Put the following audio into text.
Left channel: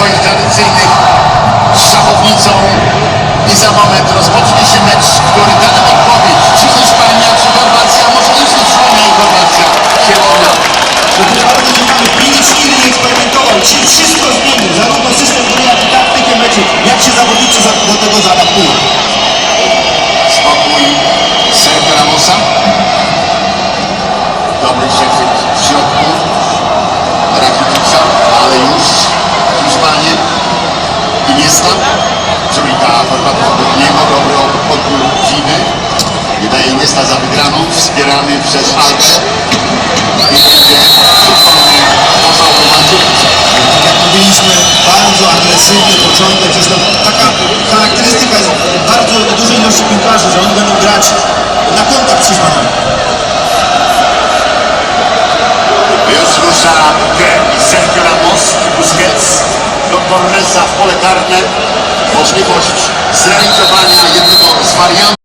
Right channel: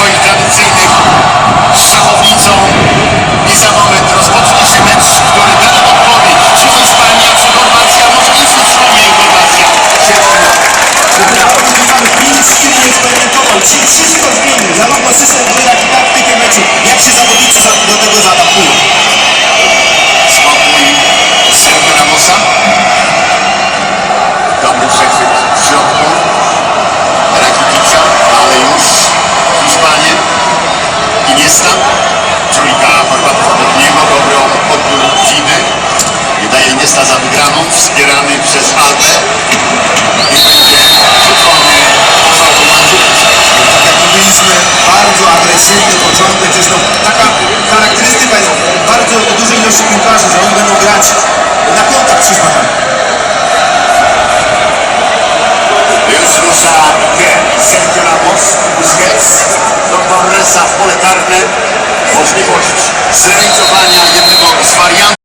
swoich tradycyjnych z szachownicą i za moment rozpocznie się mecz, który da nam odpowiedź, czy Hiszpania, czy Chorwacja, może już Hiszpania i Chorwacja. Się Prawdopodobnie mamy 5 styli eksperymentował, dzisiaj wszystko zmieni, zarówno system gry, jak i taktykę meczu. Iniesta, trójka Chorwatów obok niego, dobry podbór Dziny. Wydaje Iniesta za wygraną, wspierany przez Albę. Tak jak mówiliśmy, bardzo agresywny początek, zresztą taka charakterystyka jest bardzo dużej ilości piłkarzy, że oni będą grać na kontakt Hiszpanom. Już rusza do Torresa w pole karne. Możliwość zrealizowania jednego z wariantów.